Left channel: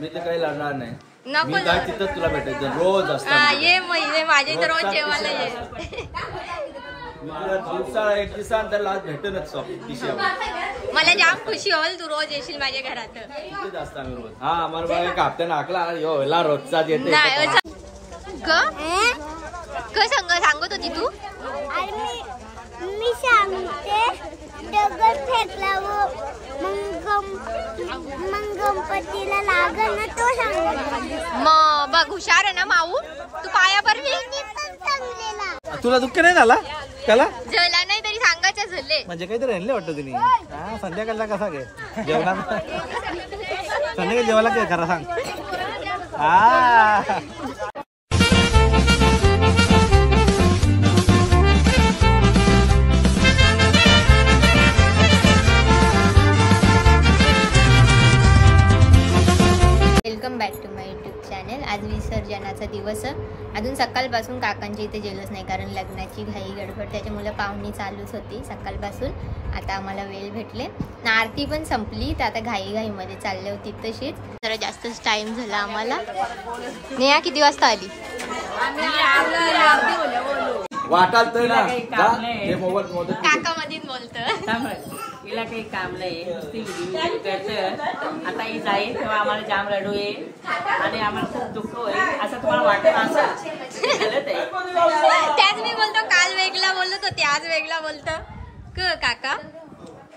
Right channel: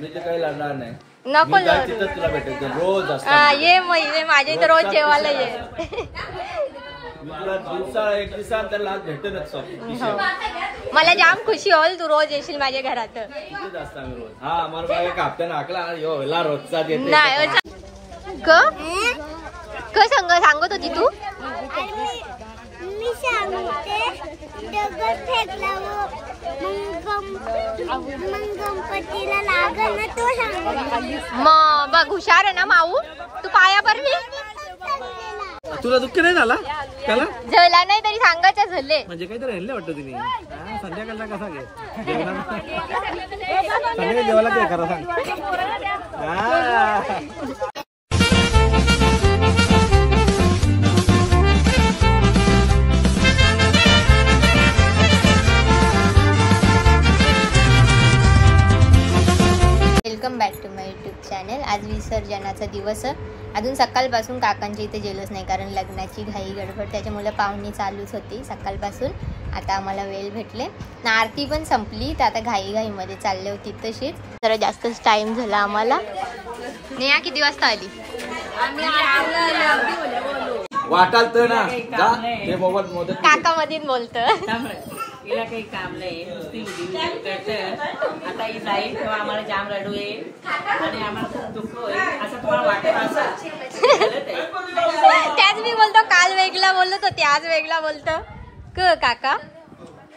मी तर काही लढणार नाही. नको तिथं तुला भेटायचं रोज असतं. ये माझ्या इथे रोज जेवायला ये. मी तुला दिवसा एक दिवसानंतर आज भेटूनच मला जाम खुशी होईल तू रोज येशील माझ्या घरात. तिथेच असतो आम्ही रोज. हा आम्हाला बाय कापत्या नाकला ह्योला रोजचा येते. नाही क सांगत होती तू. मी सांगते दगड फेकला मग गणपतीला लागल ना तो सांगत. मग बघ हुशार आहे ना माऊ. तू पाया पडली. तुला दुःख नाही झाला त्याला झाला नाही तरी सांगायचं झाले म्हणजे काहीतरी राहिले वाटतं तुम्ही. संध्याकाळला कसा घे जेवणाला संध्याकाळी जेवायला काय खरं सांग. Welcome back to my YouTube channel. आज विसर्जनाचा दिवस. अजून सकाळपासून काकांच्या इथे गेलोच नाही कारण लग्नाची घाई गडबड त्याच्यामुळे पाहुणी चालूच होती सकाळपासून. आता आम्हाला वेळ भेटले ना. आरती पण संपली तर आता घाईमध्ये चालले होती तशीच. जरा जास्तच टाइम झाला आम्हाला. नेहा किती वाजता आली. वाटाल तर काका मधीच बोलतं. तिला काही काम नाही नुसती करत. आता ही जाईल तेव्हा आम्हाला जाम रडू येईल आणि आम्हाला खूप दुःख होईल असं तुम्हाला वाटत असं. त्याच मी बोलतो काल वेगळा बोलत होते आज वेगळा बोलतो काका.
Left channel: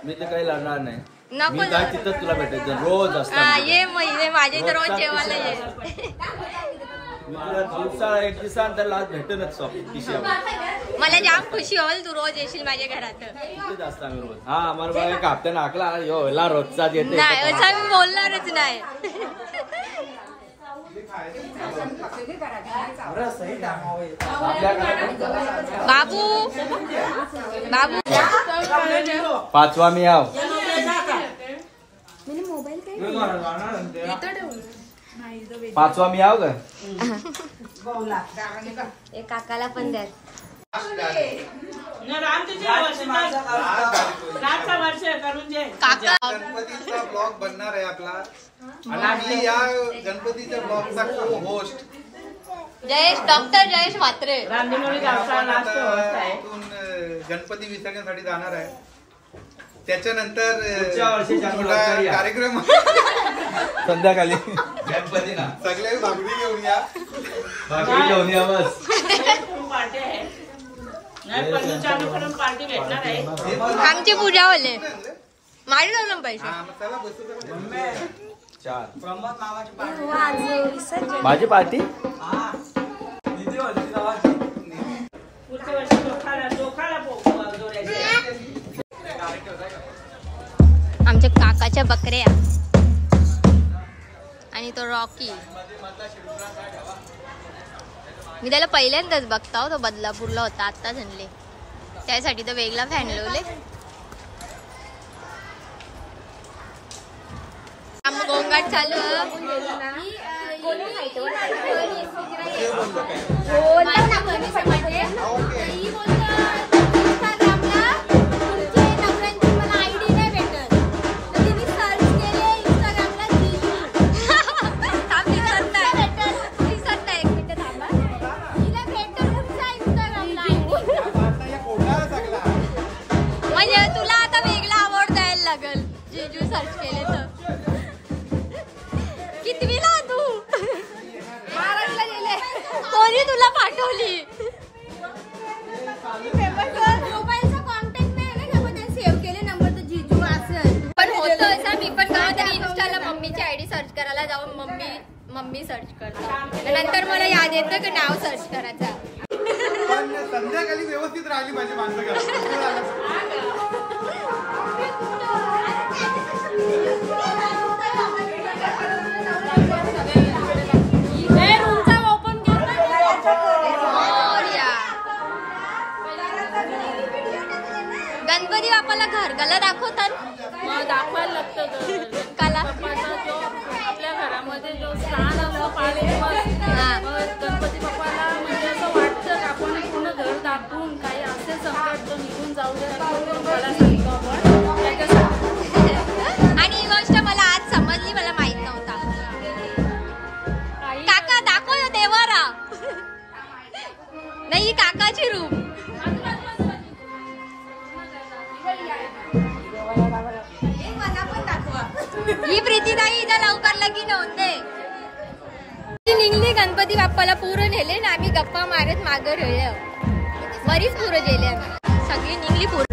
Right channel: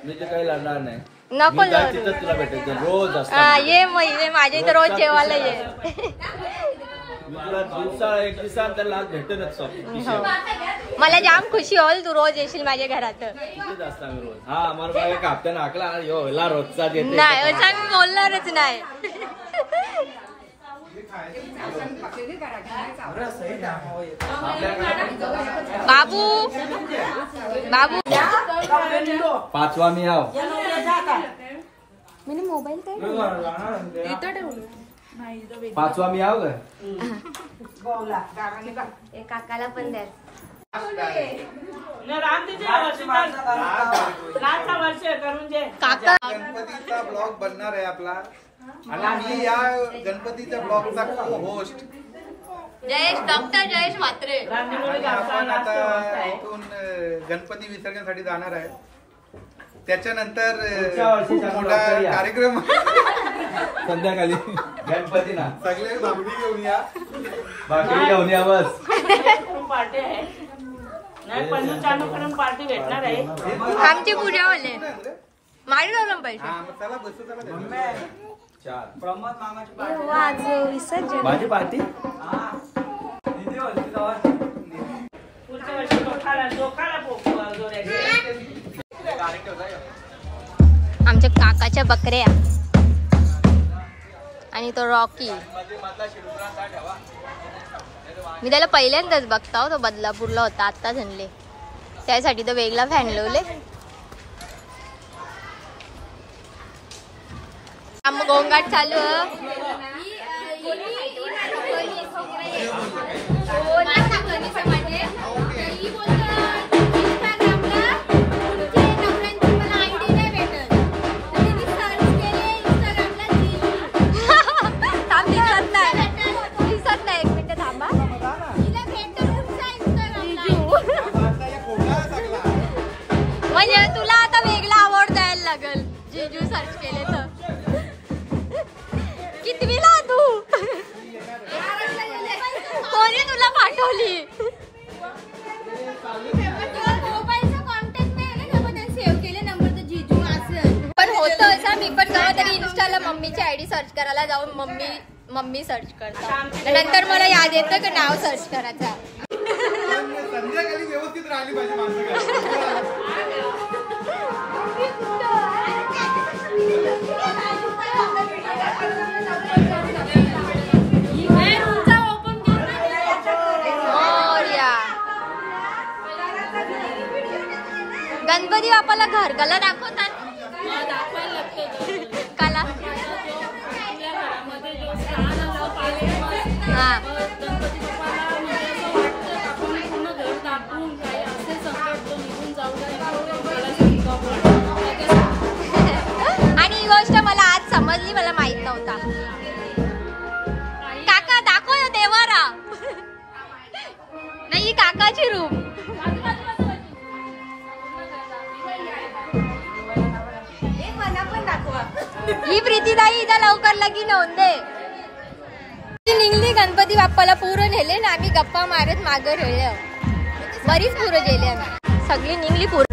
मी तर काही लढणार नाही. नको तिथं तुला भेटायचं रोज असतं. ये माझ्या इथे रोज जेवायला ये. मी तुला दिवसा एक दिवसानंतर आज भेटूनच मला जाम खुशी होईल तू रोज येशील माझ्या घरात. तिथेच असतो आम्ही रोज. हा आम्हाला बाय कापत्या नाकला ह्योला रोजचा येते. नाही असं मी बोलणारच नाही. बाबू पाचवा मी आव पाचवा मी आव काकाला पण द्या. गणपतीचा ब्लॉग बनणार आहे आपला आणि मी या गणपतीच्या ब्लॉगचा को होस्ट जयेश म्हात्रे. आपण आता इथून गणपती विसर्जनासाठी जाणार आहे. त्याच्यानंतर कार्यक्रम संध्याकाळी गणपतीला सगळे भाकरी घेऊन या. बस आमची पूजा होले मारी जाऊ पैसे. माझी पार्टी आमच्या काकाच्या बकऱ्या आणि तो रॉकी. मी त्याला पहिल्यांदाच बघता. तो बदलापूरला होता आत्ताच आणले त्यासाठी तो वेगळा फॅन लावले. गोंगाट चालू. म्हणजे तुला आता वेगळा आवड द्यायला लागल जीजू सर्च केले तर. कितवीला तू कोणी तुला पाठवली. पण होतं असं मी पण गावात तरी इन्स्टाला मम्मीची आयडी सर्च करायला जाऊन मम्मी सर्च करता नंतर मला याद येतं की नाव सर्च करायचा. संध्याकाळी व्यवस्थित राहिली पाहिजे माणसं. गणपती बाप्पाला घरगला दाखवतात. दाखवायला लागतं काला आपल्या घरामध्ये जो स्थान असतो 5 दिवस गणपती बाप्पाला म्हणजे असं वाटतं आपण पूर्ण घर दाखवून काही असे संकट तो निघून जाऊ दे गणपती बाप्पाला सांगतो आपण. आणि ही गोष्ट मला आज समजली. मला माहित नव्हता. लवकर लगी नोंदे निघली. गणपती बाप्पाला पुरं नेले ना आम्ही गप्पा मारत मागं राहिलो. बरीच पुरं गेले आम्ही सगळी निघली पुरं.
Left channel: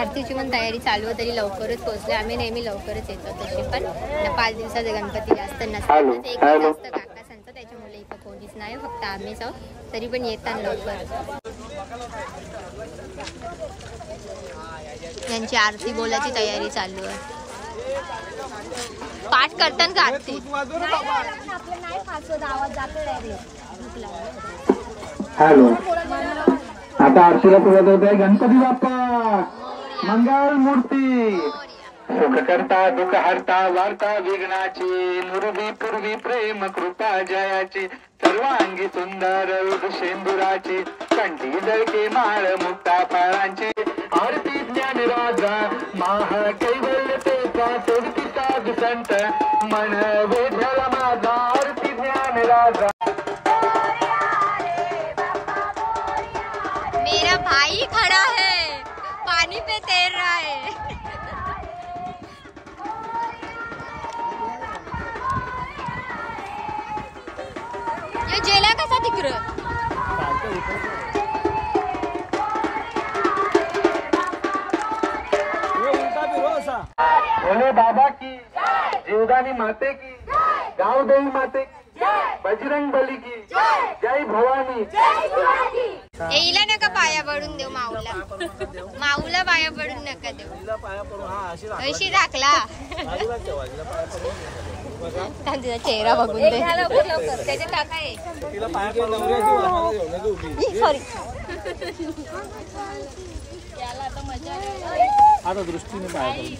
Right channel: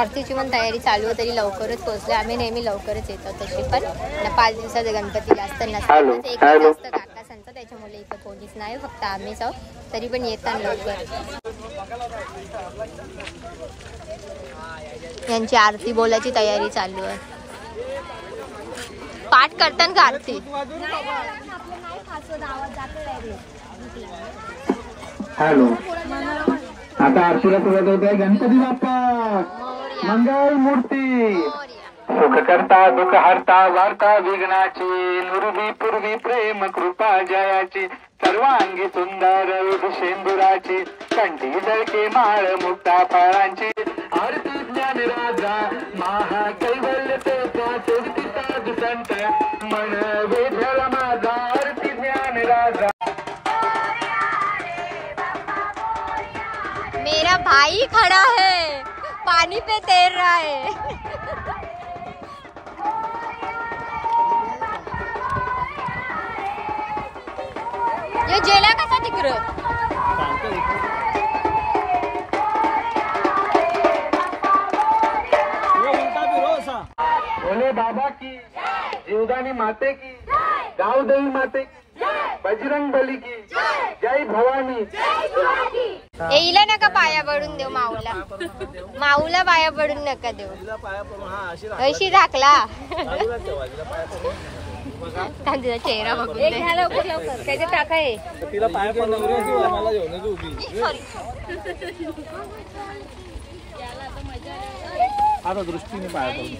आरतीची पण तयारी चालू आहे, तरी लवकरच पोहोचले आम्ही. नेहमी लवकरच येतो तशी, पण 5 दिवसाचे गणपती जास्त नसतात, एक जास्त काका सांगतात, त्याच्यामुळे इथं कोणीच नाही, फक्त आम्हीच आहोत. तरी पण येतात लवकर. यांची आरती बोलायची तयारी चालू आहे. पाठ करताना का आरती? हॅलो, आता आरतीला सुरुवात होते. गणपती बाप्पा मंगल मूर्ती. सुख करता दुःख हरता वार्ता विघ्नाची, नुरवी पूर्वी प्रेम कृपा जयाची, सर्वांगी सुंदर शेंदुराची, कंठी जळके माळ मुक्ता फाळांची, आरती ज्ञान राजा महाकैवल्य तेचा, सोडती साधू संत मन वेधळ माझा, आरती ज्ञान राजा. मेरा भाई खड़ा है, पानी पे तैर रहा है. ये जेला कसा तिकडे? भोले बाबा की, जीवदानी माते की, गावदेवी माते की, बजरंग बली की, जय भवानी. येईला नका पाया पडून देऊ माऊला. माऊला पाया पडून नका देऊ. अशी राखला तिचा चेहरा बघून दे. टाकाय सॉरी. आता दृष्टीने पाया पडून.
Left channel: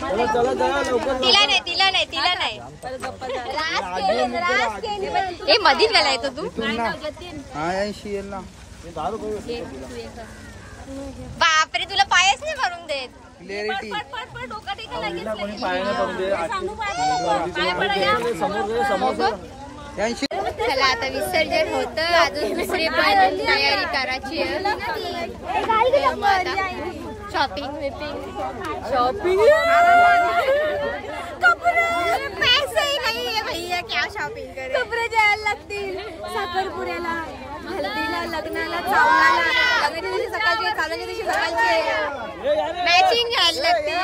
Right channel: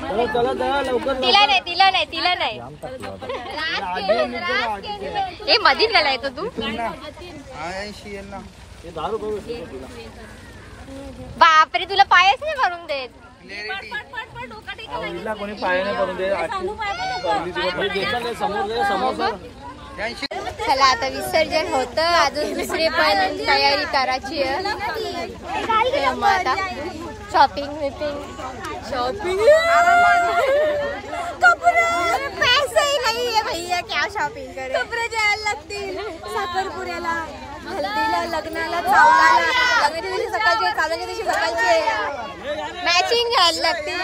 चला चला लवकर. तिला नाही. हे मधीच गेला येतो तू. बापरे, तुला पायच नाही भरून देत. कोणी पाया नाही पडून दे. चला आता विसर्जन होत. अजून दुसरी पण तयारी करायची आहे. शॉपिंग पैसे ही नहीं है भैया, क्या शॉपिंग करे. कपडे द्यायला लागतील साखरपुड्याला, हल्दीला, लग्नाला, चावलाला. लग्नाच्या दिवशी सकाळचे, चावल्याच्या दिवशी सकाळचे मॅचिंग घ्यायला लागतील.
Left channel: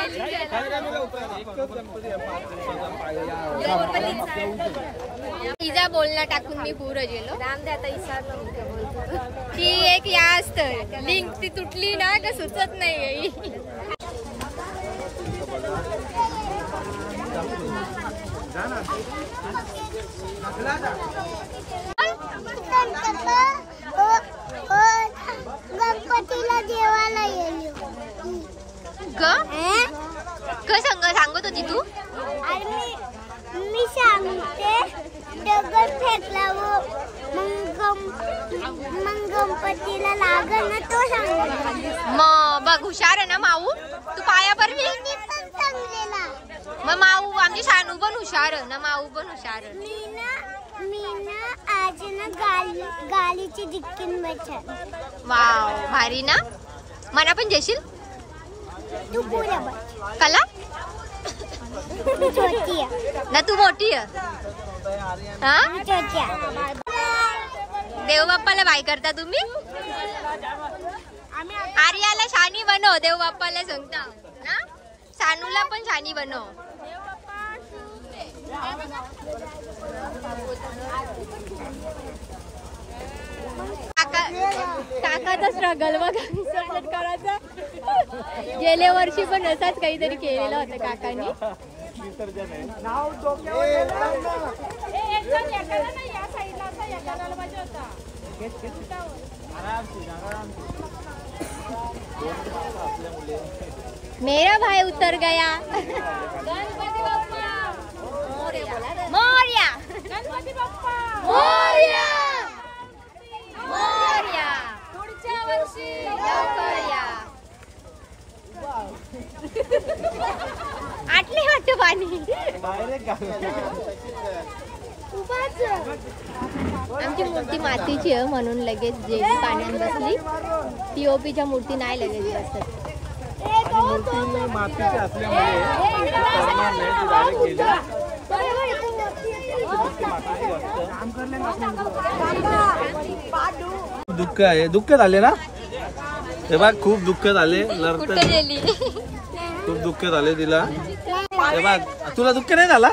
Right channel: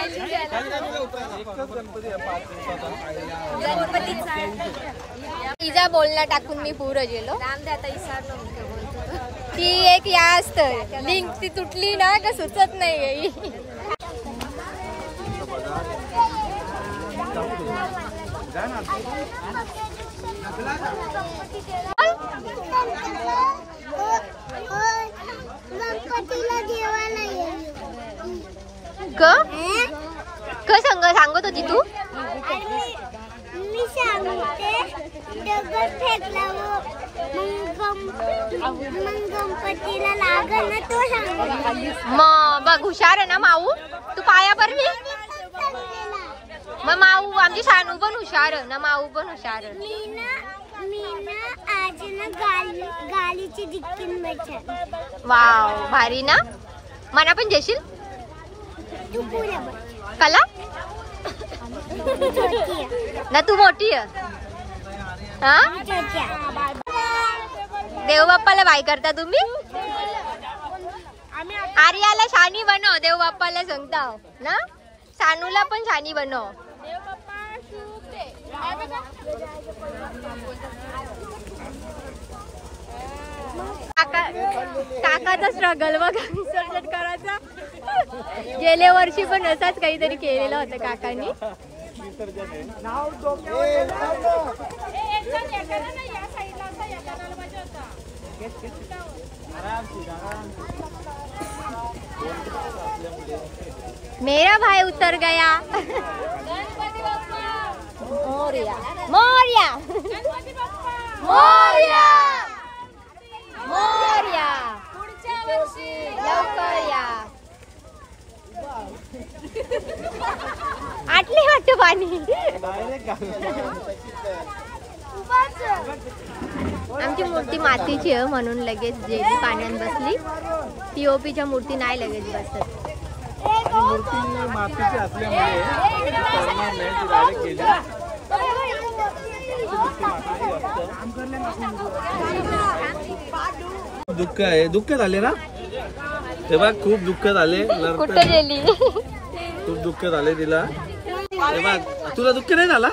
तिचा बोलणं टाकून मी पुरं गेलो. ती एक या असतं लिंक, ती तुटली ना का सुचत नाही. गणपतीला देवाला येईल सांगत होती तू. मी सांगते दगड फेकला मग गणपतीला लागल ना, तो सांगत. मग बघ, हुशार आहे ना माऊ. तू पाया पडली मग माऊ. आमची शानू पण हुशार ना, माऊ पण हुशार. मी ना आज ना गालीची डिक्कीन बसल. वाव, भारी ना. मना पण जेशील तू पुऱ्या बस. कला छोटी ना, तू मोठी आहे. हा, देव बाप्पाला बाय करता तुम्ही. आर्याला शानी बनव, देव बाप्पाला सांगता ना. सानूला पण शानी बनव. काकाचा स्ट्रगल बघा विसर्जन करायचा. गेल्या वर्षी पण असाच काहीतरी केलेलं होतं काकांनी. मेरा भाई उतर गया. मोरया मोरया मोरया मोरया. लवकर या. आटले वाटत पाणी. आमची मूर्ती मातीची आहे म्हणून लगेच जेली पाण्यात बसली. पीओपीच्या मूर्ती नाही लगेच बसत. आणि मूर्ती मातीची असल्यामुळे पडणार नाही, ती डायरेक्ट गेली. दुःख आहे, दुःख झाले ना तेव्हा, खूप दुःख झाले. कुठे गेली? खूप दुःख झाले तिला. तुला दुःख नाही झाला?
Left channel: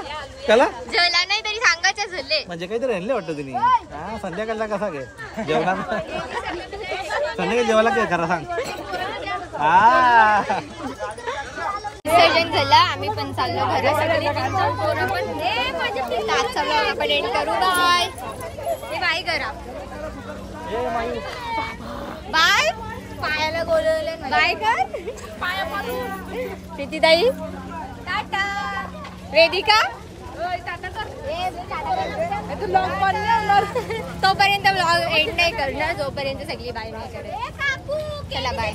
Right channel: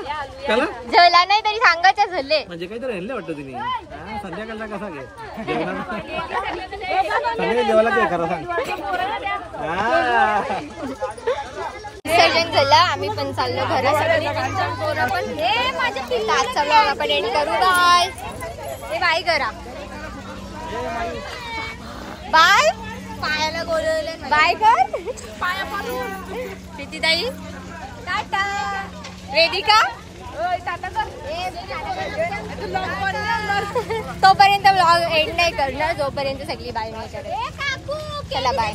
त्याला झाला नाही तरी सांगायचं झाले. म्हणजे काहीतरी राहिले वाटतं तिने. संध्याकाळचा कसा घे जेवणाला. संध्याकाळी जेवायला काय करा सांग. हा विसर्जन झालं, आम्ही पण चाललो घरा. सगळी पोरं पण आजचा ब्लॉग आपण एंड करू. बाय बाय करा. बाय. पायाला बोलवले बाय कर. पाया पडून किती ताई टाटा. वेदिका तोपर्यंत ब्लॉग एंड नाही करणार जोपर्यंत सगळी बाय नाही करत. चला बाय.